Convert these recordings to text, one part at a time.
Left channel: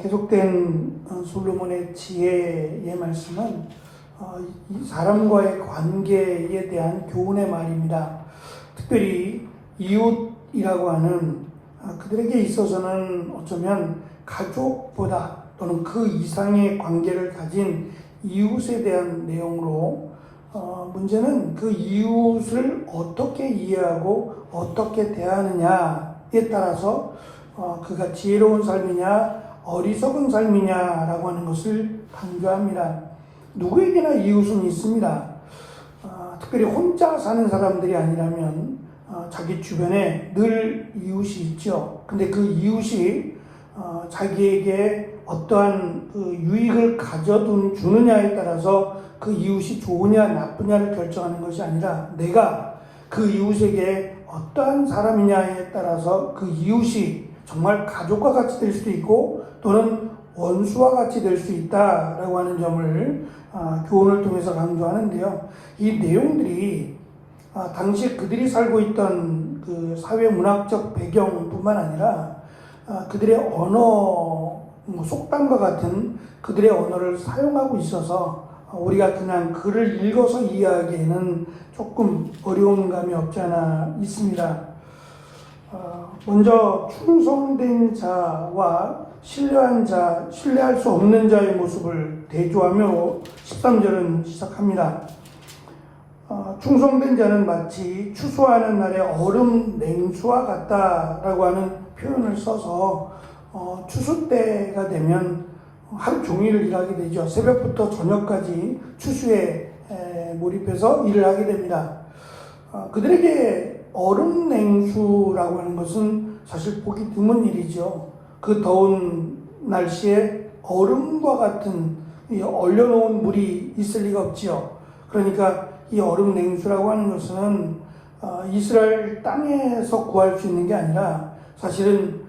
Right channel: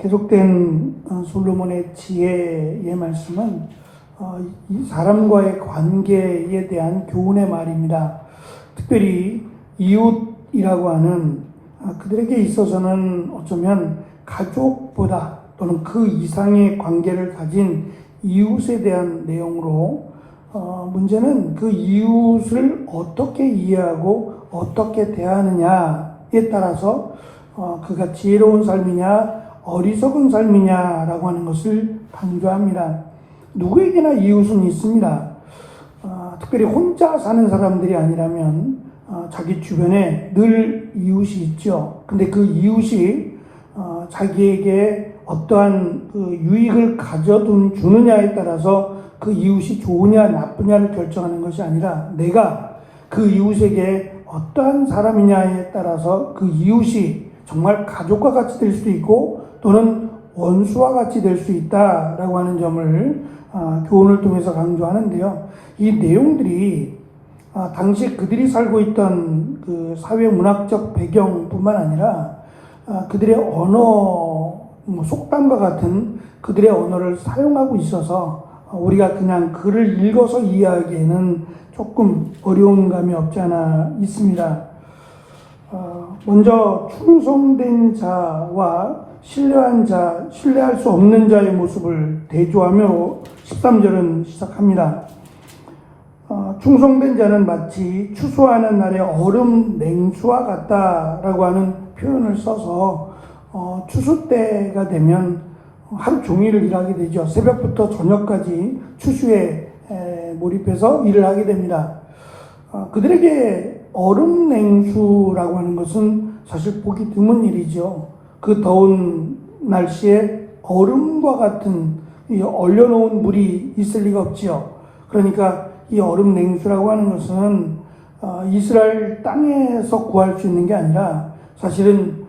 계속된 솔로몬의 지혜의 말씀은 이 사람과의 관계에 대한 교훈의 말입니다. 특별히 이웃이라고 하는 그들에게 있어서는 어쩌면 가족보다 또는 그 이상의 관계를 가진 이웃에 대한 내용으로 문제는 그 이웃을 어떻게 이해하고 어떻게 대하느냐에 따라서 그가 지혜로운 삶이냐 어리석은 삶이냐라고 하는 것을 강조합니다. 누구에게나 이웃은 있습니다. 특별히 혼자 사는 사람들이 아니라면 자기 주변에 늘 이웃이 있죠. 근데 그 이웃이 자기에게 어떠한 그 유익을 주느냐에 따라서 그 이웃이 좋으냐 나쁘냐를 결정하는 것이 아니라 내가 그 이웃에게 어떠한 사람이냐에 따라서 그 이웃이 정말 가족과 같이 될 수도 있고 또는 원수와 같이 될 수 있다라고 하는 점을 교훈을 통해서 강조하는데요. 이 내용들이 당시 그들이 살고 있던 그 사회 문학적 배경뿐만 아니라 그들의 언어, 속담과 같은 그들의 언어를 사용하고 있어서 우리가 그냥 글을 읽어서 이해하기에는 조금 어려운 감이 없지 않아 있습니다. 먼저 충성된 자와 신뢰할 수 없는 자의 모습을 대조하며 13절은 시작합니다. 충성된 자는 마치 추수하는 날의 얼음 냉수와 같다라고 하는 표현을 써서 추수 때가 되면 하루 종일 일하게 되죠. 새벽부터 저녁까지 추수에 몰입해서 일을 하게 됩니다. 그들에게 얼음 냉수라고 하는 것은 사실 보기 드문 일이죠. 그 더운 날씨에 얼음과 같은 이 얼려놓은 물이 있을 리가 없지요. 그러니까 이 얼음 냉수라고 하는 것은 이스라엘 땅에서 구할 수 있는 게 아니라 사실은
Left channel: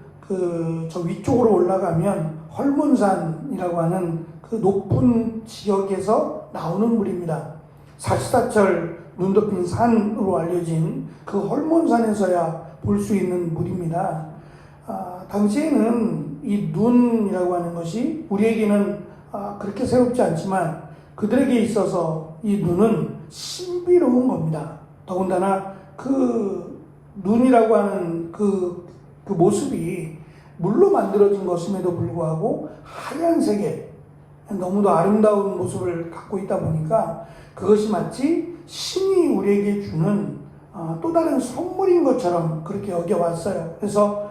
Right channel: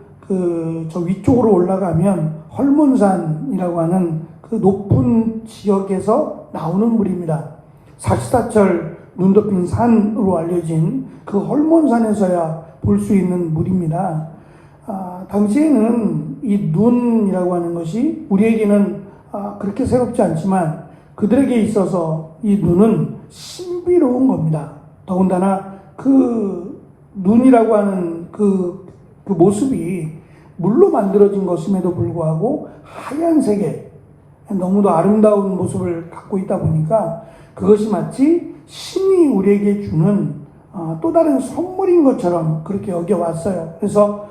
저 위쪽으로 올라가면 헐몬산이라고 하는 그 높은 지역에서 나오는 물입니다. 사시사철 눈 덮인 산으로 알려진 그 헐몬산에서야 볼 수 있는 물입니다. 당시에는 이 눈이라고 하는 것이 우리에게는 그렇게 새롭지 않지만 그들에게 있어서 이 눈은 신비로운 겁니다. 더군다나 그 눈이라고 하는 그 모습이 물로 만들어진 것임에도 불구하고 하얀색의 너무도 아름다운 모습을 갖고 있다 보니까 그것이 마치 신이 우리에게 주는 또 다른 선물인 것처럼 그렇게 여겨왔어요. 그래서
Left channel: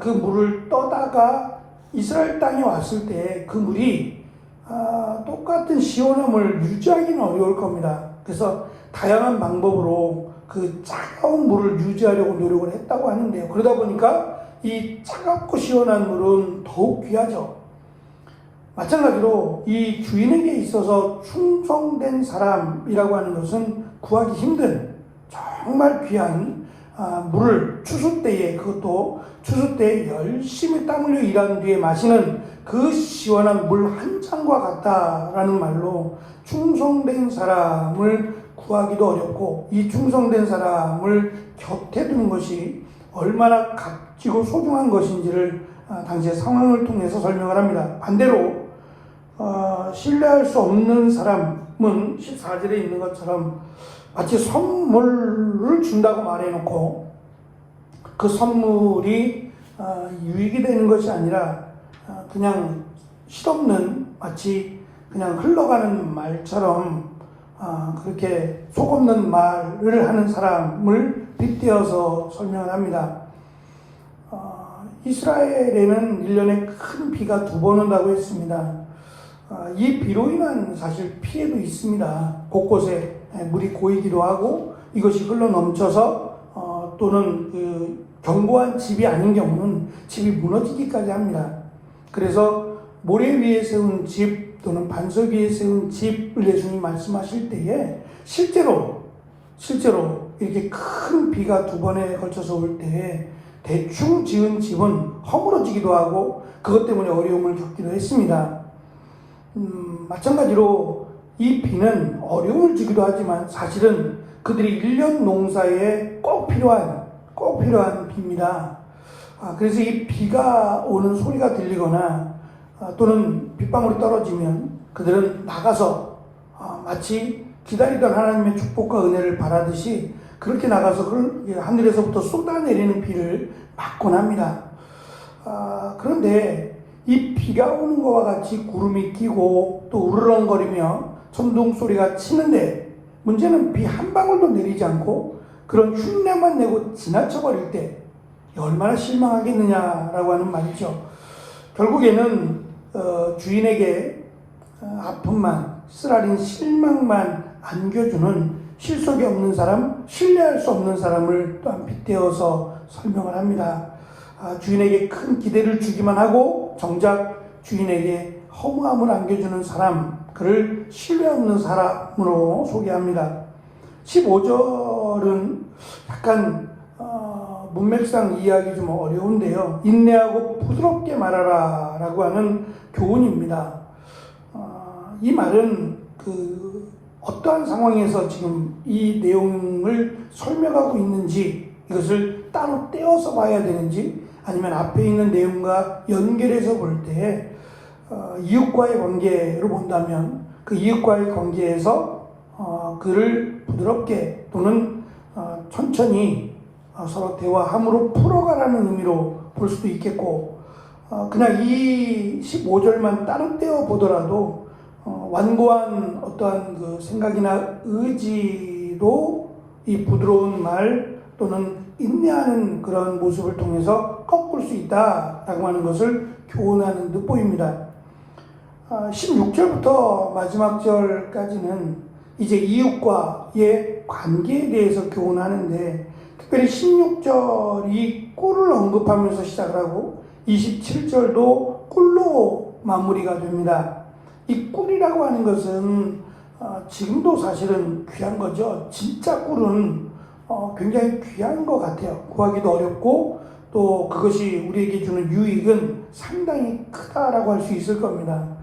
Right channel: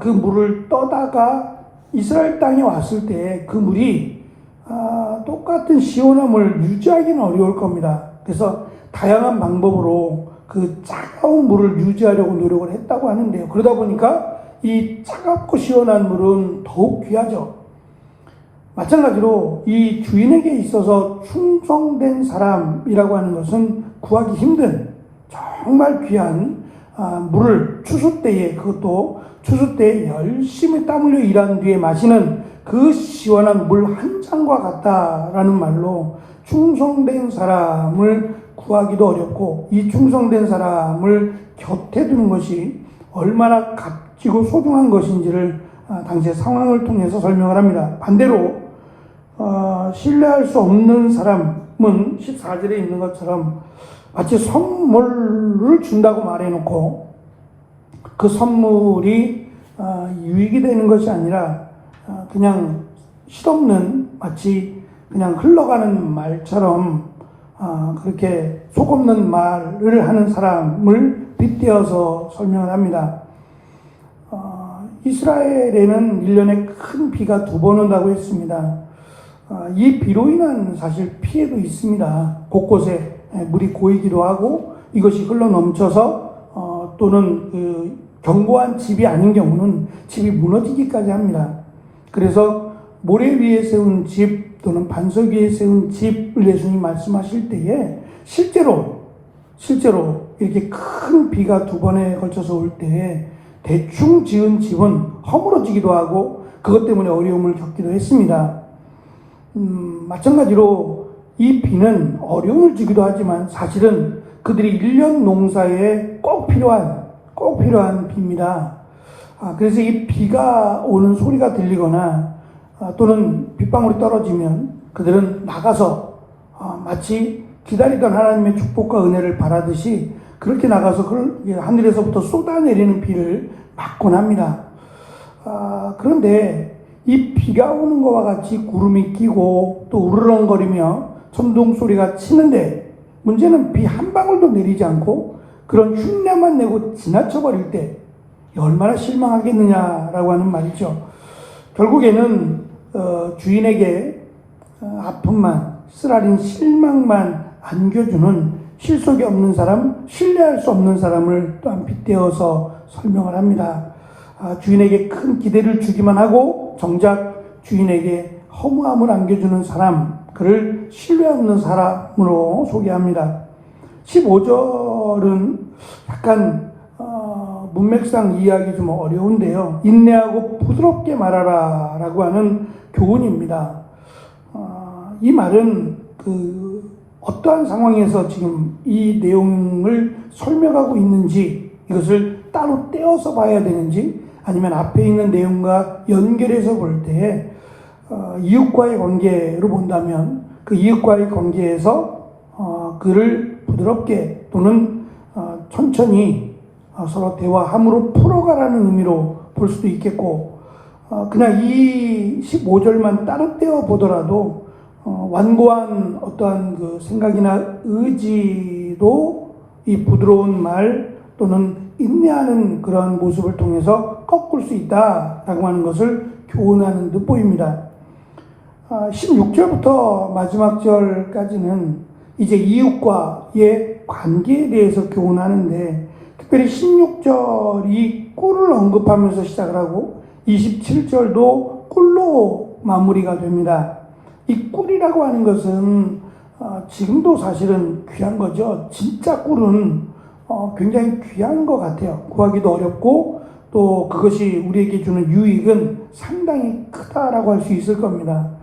그 물을 떠다가 이스라엘 땅에 왔을 때 그 물이 똑같은 시원함을 유지하기는 어려울 겁니다. 그래서 다양한 방법으로 그 차가운 물을 유지하려고 노력을 했다고 하는데요. 그러다 보니까 이 차갑고 시원한 물은 더욱 귀하죠. 마찬가지로 이 주인에게 있어서 충성된 사람이라고 하는 것은 구하기 힘든 정말 귀한 물을 추수 때에, 그것도 추수 때에 열심히 땀 흘려 일한 뒤에 마시는 그 시원한 물 한 잔과 같다라는 말로 충성된 사람을 구하기도 어렵고 이 충성된 사람을 곁에 두는 것이 얼마나 값지고 소중한 것인지를 당시의 상황을 통해서 설명을 합니다. 반대로 신뢰할 수 없는 사람은 14절에 있는 것처럼 마치 선물을 준다고 말해놓고 그 선물이 유익이 되는 것이 아니라 그냥 실없는 마치 그냥 흘러가는 말처럼 그렇게 속없는 말을 하는 사람을 빗대어서 설명을 합니다. 이스라엘에는 1년에 큰 비가 2번 온다고 했습니다. 이 비로 인한 사실 피해도 있습니다. 곳곳에 물이 고이기도 하고 이것이 흘러 넘쳐서 또는 그 견고한 집이 아닌 경우는 집이 무너지기까지 합니다. 그래서 모래 위에 세운 집 또는 반석 위에 세운 집을 예수님이 말씀하실 때에 실제로 이렇게 큰 비가 2번에 걸쳐서 올 때에 대충 지은 집은 허물어지기도 하고 그것 때문에 어려움을 겪기도 했습니다. 마찬가지로 이 비는 어려움을 주기도 하지만 사실은 그들이 1년 농사에 꼭 필요한 비입니다. 그래서 이 비가 오는 소리가 들리거나 또는 빗방울이 떨어지면 그들은 나가서 마치 기다리던 하나님의 축복과 은혜를 바라듯이 그렇게 나가서 그걸 하늘에서부터 쏟아내리는 비를 맞곤 합니다. 그런데 이 비가 오는 것과 같이 구름이 끼고 또 우르렁거리며 천둥 소리가 치는데 문제는 비 한 방울도 내리지 않고 그런 흉내만 내고 지나쳐버릴 때 얼마나 실망하겠느냐라고 하는 말이죠. 결국에는 주인에게 아픔만, 쓰라린 실망만 안겨주는 실속이 없는 사람, 신뢰할 수 없는 사람을 또한 빗대어서 설명을 합니다. 주인에게 큰 기대를 주기만 하고 정작 주인에게 허무함을 안겨주는 사람, 그를 신뢰 없는 사람으로 소개합니다. 15절은 약간 문맥상 이해하기 좀 어려운데요. 인내하고 부드럽게 말하라 라고 하는 교훈입니다. 이 말은 어떠한 상황에서 지금 이 내용을 설명하고 있는지 이것을 따로 떼어서 봐야 되는지 아니면 앞에 있는 내용과 연결해서 볼 때 이웃과의 관계로 본다면 그 이웃과의 관계에서 그를 부드럽게 또는 천천히 서로 대화함으로 풀어가라는 의미로 볼 수도 있겠고 그냥 이 15절만 따로 떼어 보더라도 완고한 어떠한 그 생각이나 의지도 이 부드러운 말 또는 인내하는 그런 모습을 통해서 꺾을 수 있다라고 하는 것을 교훈하는 듯 보입니다. 16절부터 마지막 절까지는 이제 이웃과의 관계에 대해서 교훈하는데 특별히 16절이 꿀을 언급하면서 시작을 하고 27절도 꿀로 마무리가 됩니다. 이 꿀이라고 하는 것은 지금도 사실은 귀한 거죠. 진짜 꿀은 굉장히 귀한 것 같아요. 구하기도 어렵고 또 그것이 우리에게 주는 유익은 상당히 크다라고 할 수 있을 겁니다.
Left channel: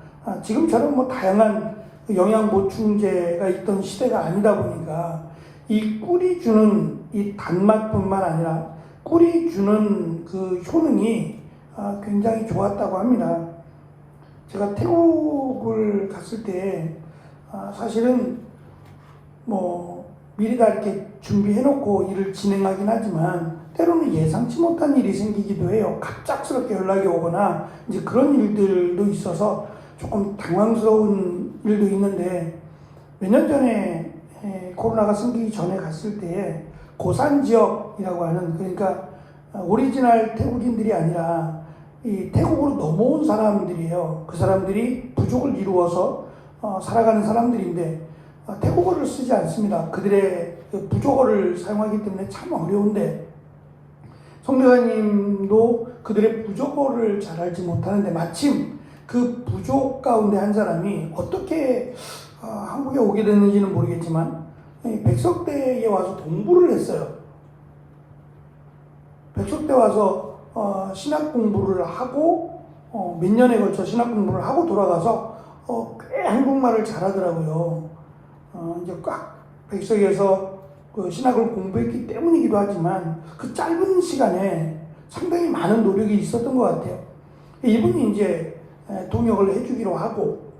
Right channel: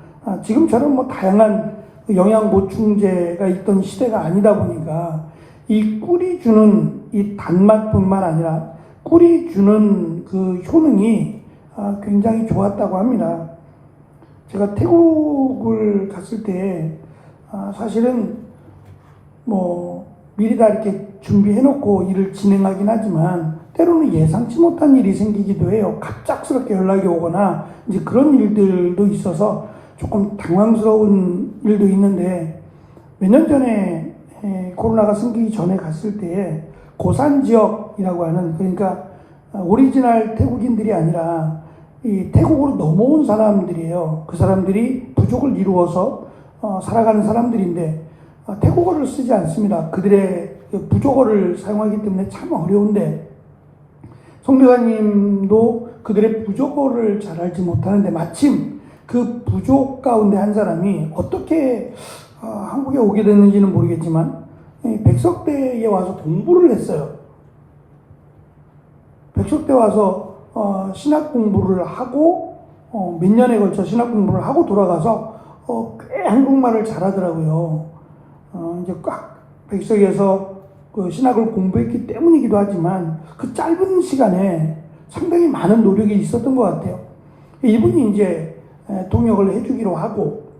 지금처럼 뭐 다양한 영양 보충제가 있던 시대가 아니다 보니까 이 꿀이 주는 이 단맛뿐만 아니라 꿀이 주는 그 효능이 굉장히 좋았다고 합니다. 제가 태국을 갔을 때 사실은 뭐 미리 다 이렇게 준비해놓고 일을 진행하긴 하지만 때로는 예상치 못한 일이 생기기도 해요. 갑작스럽게 연락이 오거나 이제 그런 일들도 있어서 조금 당황스러운 일도 있는데 몇 년 전에 코로나가 생기기 전에 갔을 때 고산 지역이라고 하는 그러니까 오리지널 태국인들이 아니라 이 태국으로 넘어온 사람들이에요. 그 사람들이 부족을 이루어서 살아가는 사람들인데 태국어를 쓰지 않습니다. 그들의 부족어를 사용하기 때문에 참 어려운데 성교사님도 그들의 부족어를 잘 알지 못하는데 마침 그 부족 가운데 한 사람이 어떻게 한국에 오게 됐는지는 모르겠지만 백석대에 와서 공부를 했어요. 백석대 와서 신학 공부를 하고 몇 년에 걸쳐 신학 공부를 하고 돌아가서 꽤 한국말을 잘하더라고요. 이제 꽉 백석에서 그 신학을 공부했기 때문이기도 하지만 그 짧은 시간에 상당히 많은 노력이 있었던 것 같아요. 이분이 이제 통역을 해주기로 하고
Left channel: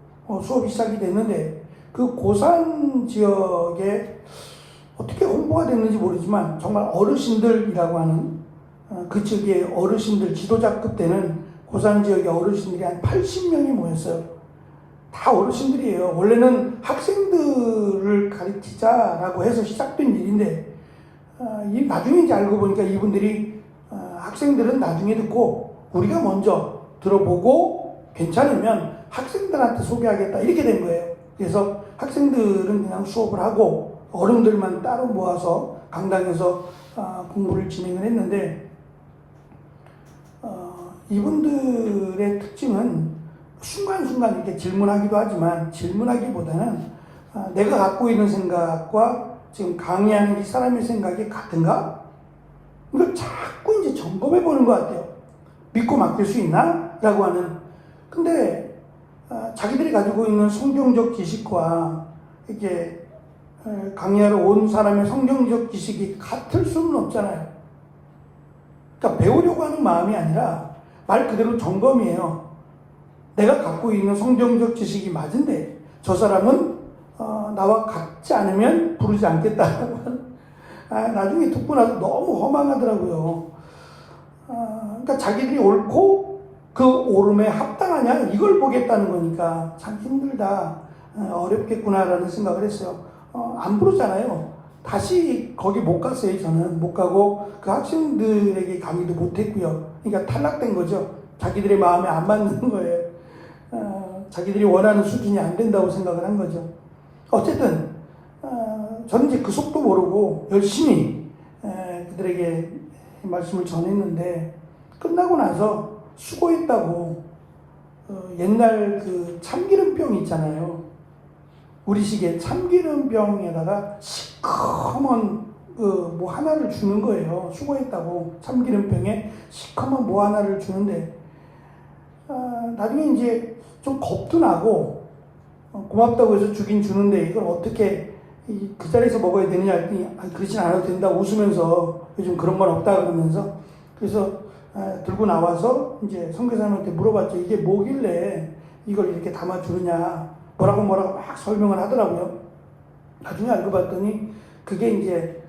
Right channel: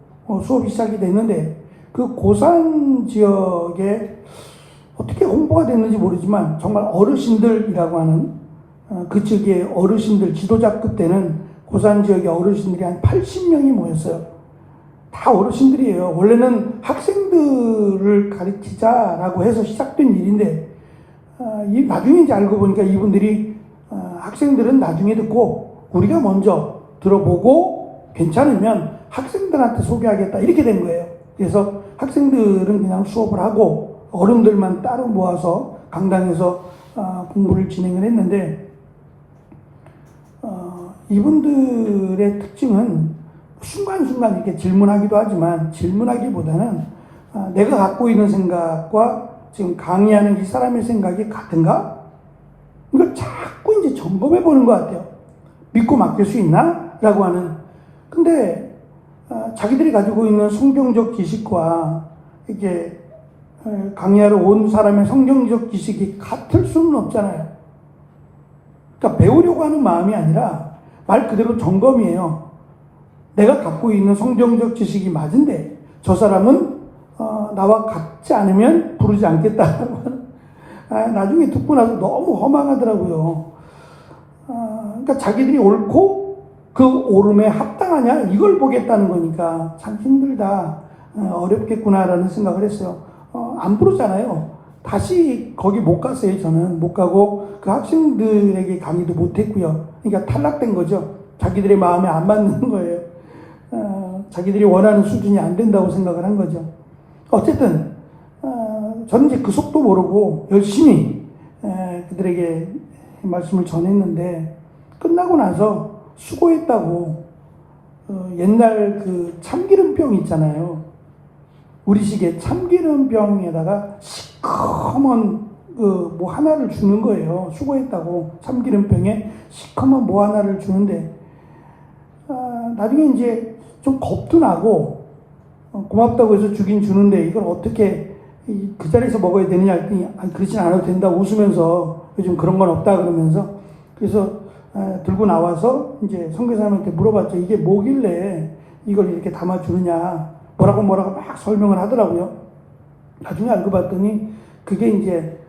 수업이 시작이 됐는데 그 고산 지역에 어떻게 홍보가 됐는지 모르지만 정말 어르신들이라고 하는 그 지역의 어르신들 지도자급 되는 고산 지역의 어르신들이 한 80명이 모였어요. 다 어르신들이에요. 원래는 학생들을 가르치자라고 해서 시작된 일인데 나중에 이제 알고 보니까 이분들이 학생들은 나중에 듣고 우리가 먼저 들어보고 괜찮으면 학생들한테 소개하겠다 이렇게 된 거예요. 그래서 학생들은 그냥 수업을 하고 어른들만 따로 모아서 강당에서 공부를 진행을 했는데 이분들의 특징은 순간순간 이렇게 질문하기도 하지만 질문하기보다는 내가 갖고 있는 생각과 지금 강의하는 이 사람의 생각이 같은가? 이걸 자꾸 이제 점검해 보는 것 같아요. 믿고 맡길 수 있나? 라고 하는. 근데 자기들이 가지고 있는 성경적 지식과 이렇게 강의하러 온 사람의 성경적 지식이 같을 수는 없잖아요. 그러니까 배우려고 하는 마음이 아니라 말 그대로 점검이에요. 내가 갖고 있는 성경적 지식이 맞은데 저 사람은 나와 같지 않으면 부르지 않겠다. 나중에 듣고 나서 너무 허망하더라고요. 그러니까 자기들이 옳고 그 옳음에 합당하냐 이걸 보겠다는 거니까 참 힘들다, 어렵겠구나라는 생각을 했어요. 안 부르잖아요. 다시 거기 못 갔어요. 저는 못 가고 그 학생들에게 강의도 못 했고요. 그러니까 탈락된 거죠. 자기들의 마음에 안 맞는 거예요. 자기들이 원하는 수준이 안 된다고 생각을 한 거죠. 어쨌든 저는 이제 그 속도 모르고 열심히 그들에게 말씀을 전했는데 끝나고 나서 수고했다고 옛날 그 참기름병 있잖아요. 우리식의 참기름병에다가 시커먼 뭐 하나를 주는 거예요. 수고했다고 참기름병에 시커먼 뭐 하나를 주는데 나중에 이제 좀 겁도 나고 고맙다고 해서 주긴 주는데 이걸 어떻게 그 자리에서 먹어야 되느냐 했더니 그렇진 않아도 된다 웃으면서 요즘 그런 건 없다 그러면서 그래서 들고 나와서 이제 선교사님한테 물어봤죠. 이게 뭐길래 이걸 이렇게 담아주느냐 뭐라고 막 설명을 하더라고요. 나중에 알고 봤더니 그게 이제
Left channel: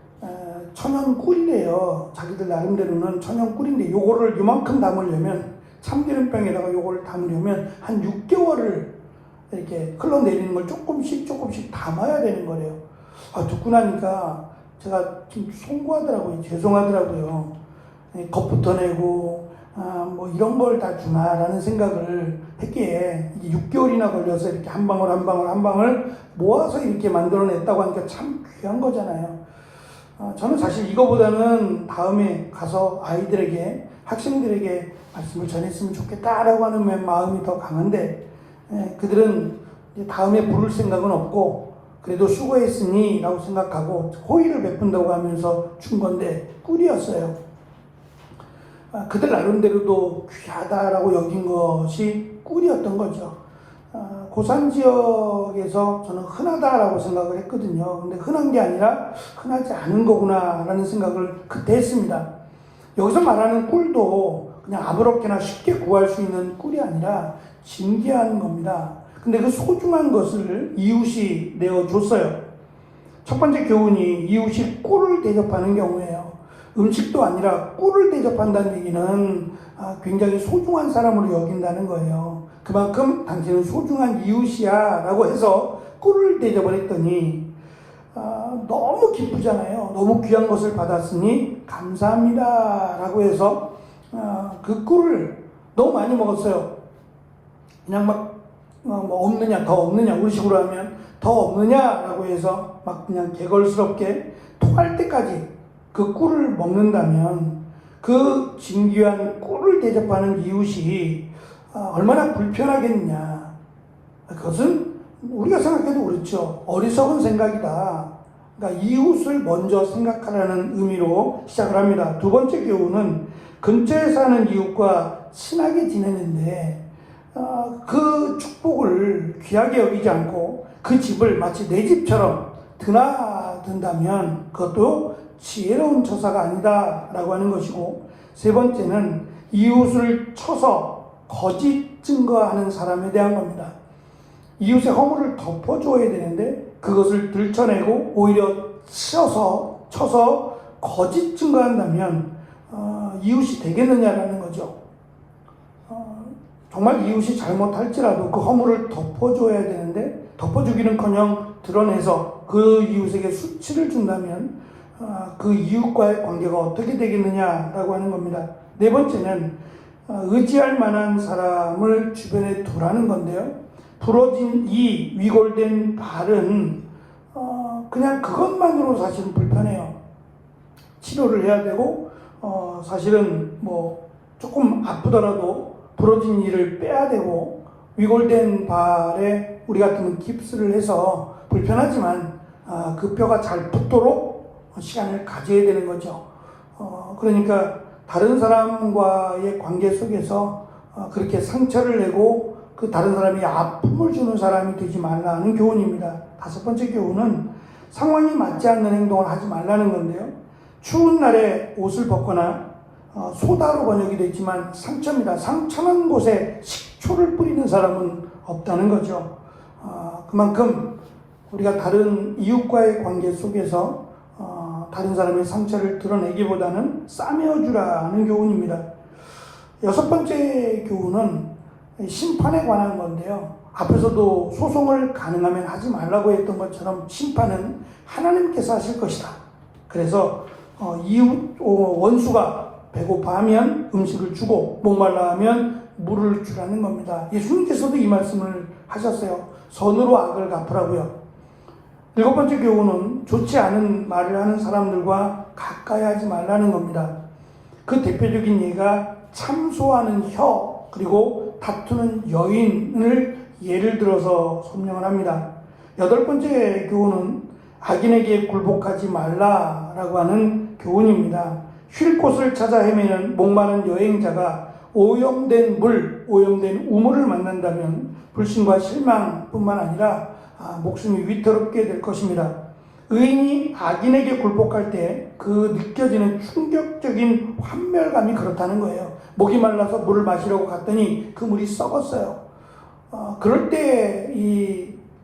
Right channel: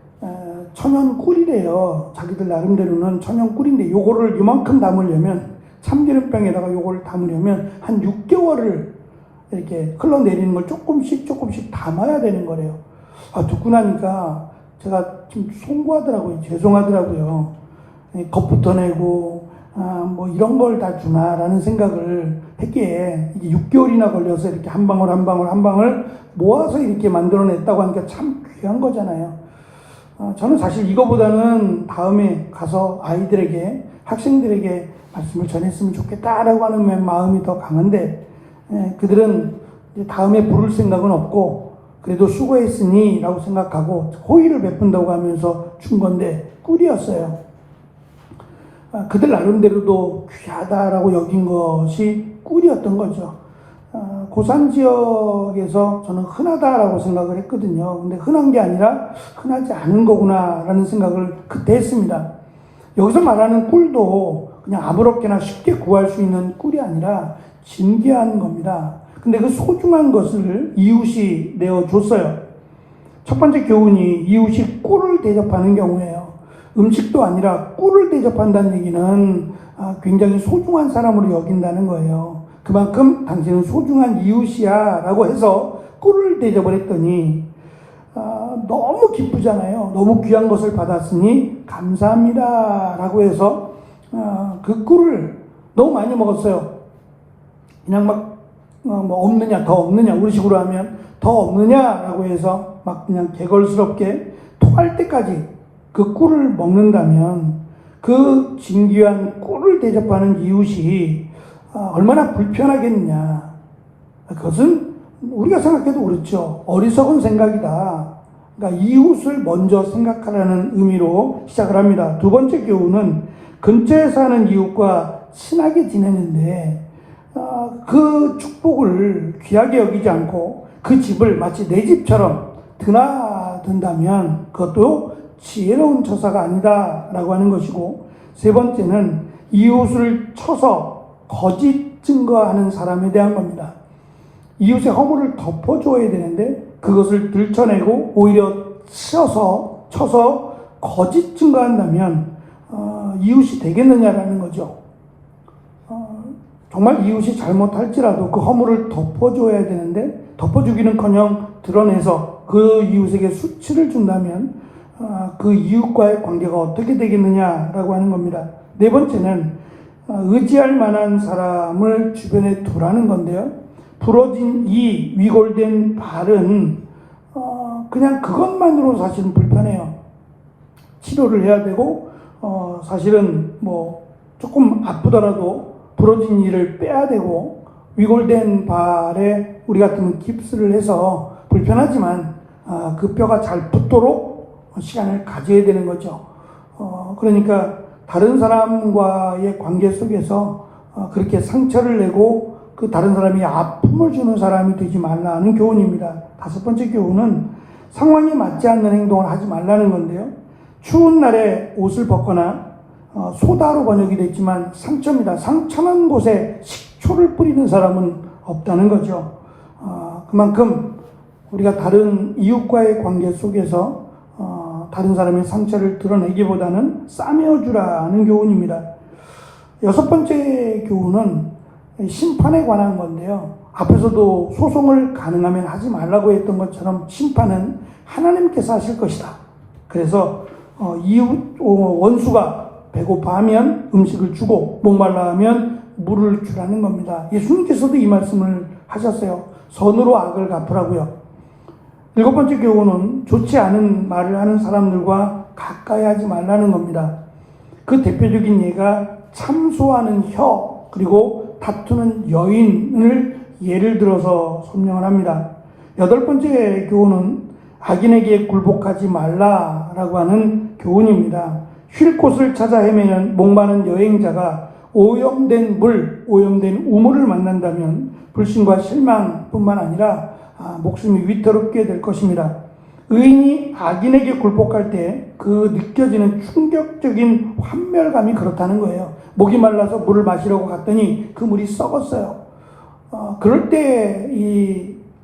천연 꿀이래요. 자기들 나름대로는 천연 꿀인데 요거를 요만큼 담으려면 참기름병에다가 요거를 담으려면 한 6개월을 이렇게 흘러내리는 걸 조금씩 담아야 되는 거래요. 듣고 나니까 제가 좀 송구하더라고요. 죄송하더라고요. 겁부터 내고 뭐 이런 걸 다 주나라는 생각을 했기에 이게 6개월이나 걸려서 이렇게 한 방울 모아서 이렇게 만들어냈다고 하니까 참 귀한 거잖아요. 저는 사실 이거보다는 다음에 가서 아이들에게 학생들에게 말씀을 전했으면 좋겠다라고 하는 마음이 더 강한데 그들은 다음에 부를 생각은 없고 그래도 수고했으니 라고 생각하고 호의를 베푼다고 하면서 준 건데 꿀이었어요. 그들 나름대로도 귀하다라고 여긴 것이 꿀이었던 거죠. 고산 지역에서 저는 흔하다라고 생각을 했거든요. 근데 흔한 게 아니라 흔하지 않은 거구나라는 생각을 그때 했습니다. 여기서 말하는 꿀도 그냥 아무렇게나 쉽게 구할 수 있는 꿀이 아니라 진귀한 겁니다. 근데 그 소중한 것을 이웃이 내어줬어요. 첫 번째 교훈이 이웃이 꿀을 대접하는 경우예요. 음식도 아니라 꿀을 대접한다는 얘기는 굉장히 소중한 사람으로 여긴다는 거예요. 그만큼 당신은 소중한 이웃이야 라고 해서 꿀을 대접을 했더니 너무 기쁘잖아요. 너무 귀한 것을 받았으니 감사합니다 라고 해서 그 꿀을 너무 많이 먹었어요. 그냥 막 뭐 없느냐 더 없느냐 우리 식으로 하면 더 없느냐라고 해서 막 그냥 개걸스럽게 토할 때까지 그 꿀을 먹는다면 그 진귀한 꿀을 대접하는 이웃이 얼마나 불편하겠느냐. 그것은 우리가 생각해도 그렇죠. 어리석은 생각이다. 그러니까 이웃을 먼저 생각하라는 의미로 시작을 합니다. 두 번째 교훈은 근처에 사는 이웃과 친하게 지내는데 그 축복을 귀하게 여기지 않고 그 집을 마치 내 집처럼 드나든다면 그것도 지혜로운 처사가 아니다 라고 하는 것이고, 세 번째는 이웃을 쳐서 거짓 증거하는 사람에 대한 겁니다. 이웃의 허물을 덮어줘야 되는데 그것을 들춰내고 오히려 쳐서 거짓 증거한다면 이웃이 되겠느냐라는 거죠. 정말 이웃이 잘못할지라도 그 허물을 덮어줘야 되는데 덮어주기는커녕 드러내서 그 이웃에게 수치를 준다면 그 이웃과의 관계가 어떻게 되겠느냐라고 하는 겁니다. 네 번째는 의지할 만한 사람을 주변에 두라는 건데요. 부러진 이 위골된 발은 그냥 그것만으로 사실은 불편해요. 치료를 해야 되고 사실은 뭐 조금 아프더라도 부러진 이를 빼야 되고, 위골된 발에 우리 같으면 깁스를 해서 불편하지만 그 뼈가 잘 붙도록 시간을 가져야 되는 거죠. 그러니까 다른 사람과의 관계 속에서 그렇게 상처를 내고 그 다른 사람이 아픔을 주는 사람이 되지 말라는 교훈입니다. 다섯 번째 교훈은 상황에 맞지 않는 행동을 하지 말라는 건데요. 추운 날에 옷을 벗거나 소다로 번역이 됐지만 상처입니다. 상처난 곳에 식초를 뿌리는 사람은 없다는 거죠. 그만큼 우리가 다른 이웃과의 관계 속에서 다른 사람의 상처를 드러내기보다는 싸매어주라는 교훈입니다. 여섯 번째 교훈은 심판에 관한 건데요. 앞에서도 소송을 가능하면 하지 말라고 했던 것처럼 심판은 하나님께서 하실 것이다. 그래서 이웃 원수가 배고파하면 음식을 주고 목말라하면 물을 주라는 겁니다. 예수님께서도 이 말씀을 하셨어요. 선으로 악을 갚으라고요. 일곱 번째 교훈은 좋지 않은 말을 하는 사람들과 가까이 하지 말라는 겁니다. 그 대표적인 예가 참소하는 혀 그리고 다투는 여인을 예를 들어서 설명을 합니다. 여덟 번째 교훈은 악인에게 굴복하지 말라라고 하는 교훈입니다. 쉴 곳을 찾아 헤매는 목마른 여행자가 오염된 물, 오염된 우물을 만난다면 불신과 실망뿐만 아니라 목숨이 위태롭게 될 것입니다. 의인이 악인에게 굴복할 때 그 느껴지는 충격적인 환멸감이 그렇다는 거예요. 목이 말라서 물을 마시려고 갔더니 그 물이 썩었어요. 그럴 때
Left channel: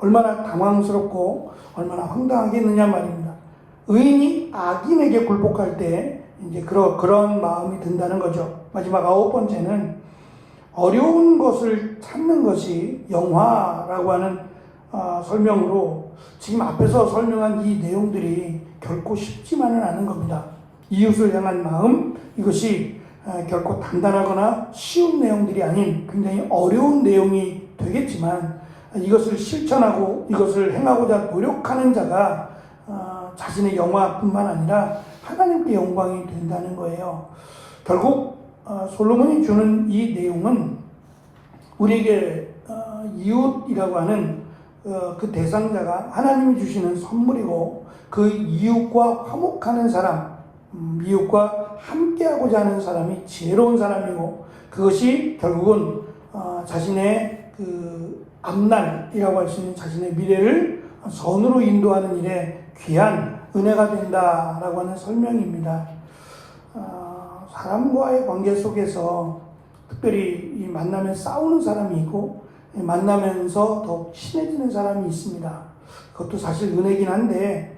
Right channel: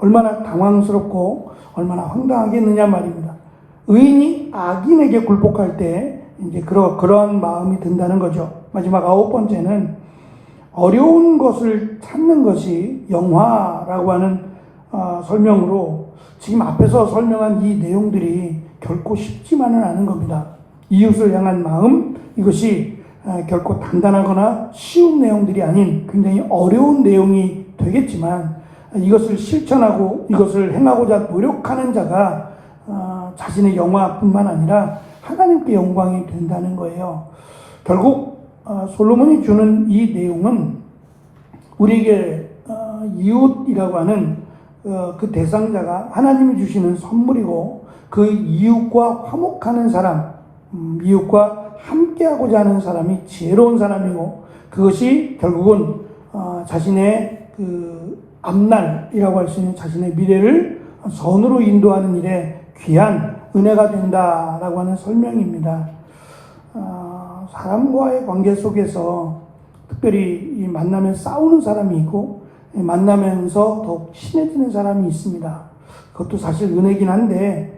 얼마나 당황스럽고 얼마나 황당하겠느냐 말입니다. 의인이 악인에게 굴복할 때 이제 그러한 마음이 든다는 거죠. 마지막 아홉 번째는 어려운 것을 찾는 것이 영화라고 하는 설명으로 지금 앞에서 설명한 이 내용들이 결코 쉽지만은 않은 겁니다. 이웃을 향한 마음, 이것이 결코 단단하거나 쉬운 내용들이 아닌 굉장히 어려운 내용이 되겠지만 이것을 실천하고 이것을 행하고자 노력하는 자가 자신의 영화뿐만 아니라 하나님께 영광이 된다는 거예요. 결국 솔로몬이 주는 이 내용은 우리에게 이웃이라고 하는 그 대상자가 하나님이 주시는 선물이고 그 이웃과 화목하는 사람, 이웃과 함께하고자 하는 사람이 지혜로운 사람이고 그것이 결국은 자신의 그 앞날이라고 할 수 있는 자신의 미래를 선으로 인도하는 일에 귀한 은혜가 된다라고 하는 설명입니다. 사람과의 관계 속에서 특별히 이 만나면 싸우는 사람이 있고 만나면서 더욱 친해지는 사람이 있습니다. 그것도 사실 은혜긴 한데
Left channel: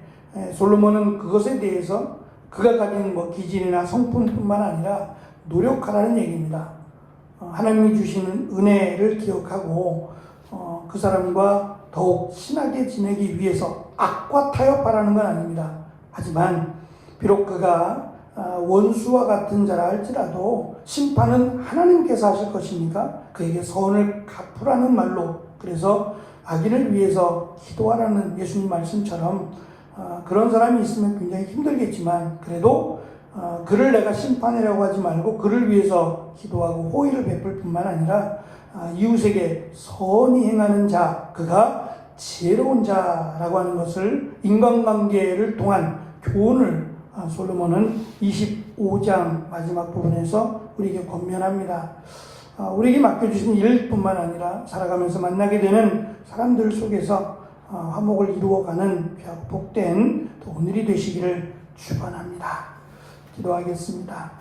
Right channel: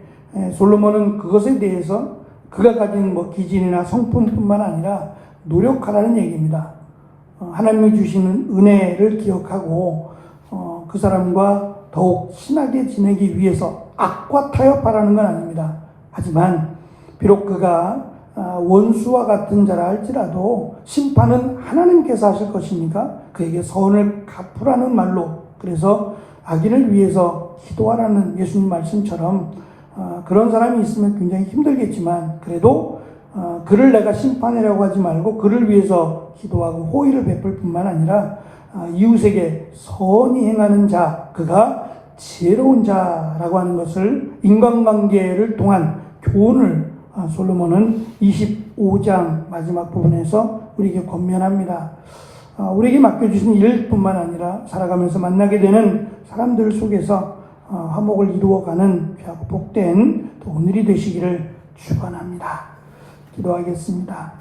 솔로몬은 그것에 대해서 그가 가진 기질이나 성품뿐만 아니라 노력하라는 얘기입니다. 하나님이 주시는 은혜를 기억하고 그 사람과 더욱 친하게 지내기 위해서 악과 타협하라는 건 아닙니다. 하지만 비록 그가 원수와 같은 자라 할지라도 심판은 하나님께서 하실 것이니까 그에게 선을 갚으라는 말로 그래서 악인을 위해서 기도하라는 예수님 말씀처럼 그런 사람이 있으면 굉장히 힘들겠지만 그래도 그를 내가 심판하려고 하지 말고 그를 위해서 기도하고 호의를 베풀 뿐만 아니라 이웃에게 선히 행하는 자 그가 지혜로운 자라고 하는 것을 인간관계를 통한 교훈을 솔로몬은 25장 마지막 부분에서 우리에게 권면합니다. 우리에게 맡겨주신 일뿐만 아니라 살아가면서 만나게 되는 사람들 속에서 화목을 이루어가는 복된 오늘이 되시기를 축원합니다. 기도하겠습니다.